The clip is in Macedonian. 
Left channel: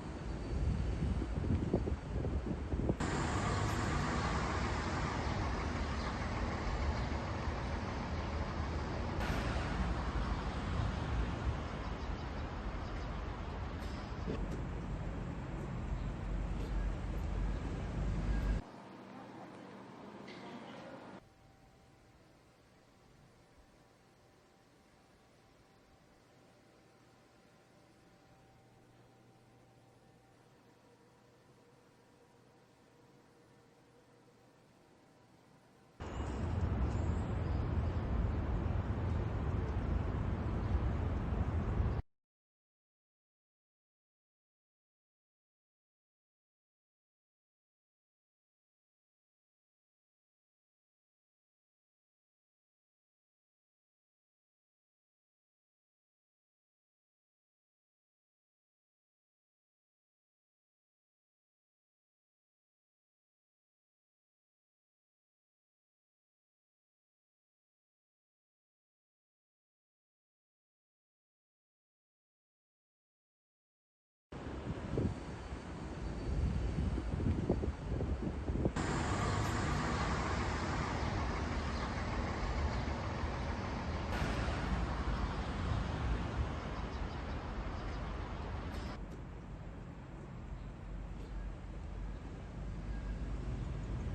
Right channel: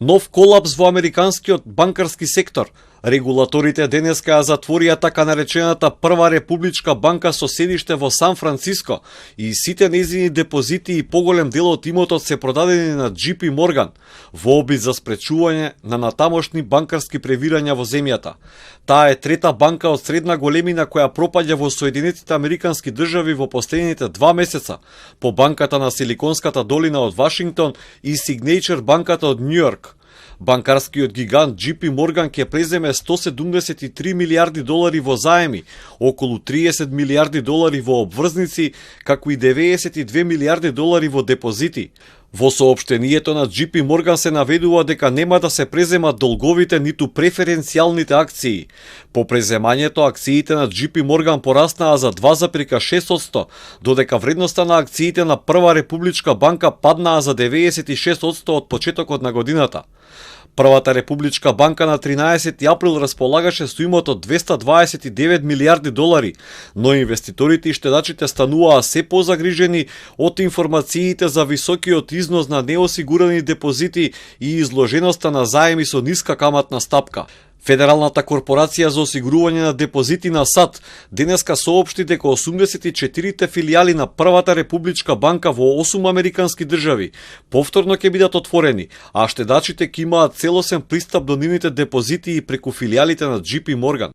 Нов колапс во американскиот банкарски сектор. Регулаторите денеска ја затворија така наречената прва републичка банка со седиште во Сан Франциско и сите нејзини депозити и поголем дел од имотот се продадени на JP Morgan во обид за спречување на натамошни банкарски превирања во земјата. Таа е трета банка од средна големина која пропаѓа во Соединетите Американски држави во последните 2 месеца, по банката на Силиконската долина од Вашингтон и Signature банката од Њујорк. Банкарскиот гигант JP Morgan ќе преземе 173 милиарди долари во заеми, околу 30 милиарди долари во обврзници, како и 92 милиарди долари во депозити. Во соопштението на JP Morgan се наведува дека нема да се преземат долговите ниту преференцијалните акции. По преземањето акциите на JP Morgan пораснаа за 2,6%, додека вредноста на акциите на Прва републичка банка паднаа за 96% од почетокот на годината. Првата републичка банка на 13 април располагаше со имот од 229 милиарди долари, но инвеститорите и штедачите стануваа се позагрижени од информациите за високиот износ на неосигурани депозити и изложеноста на заеми со ниска каматна стапка. Федералната корпорација за осигурување на депозити на САД денеска соопшти дека 84 филијали на Првата републичка банка во 8 американски држави повторно ќе бидат отворени, а штедачите ќе имаат целосен пристап до нивните депозити и преку филијалите на JP Morgan.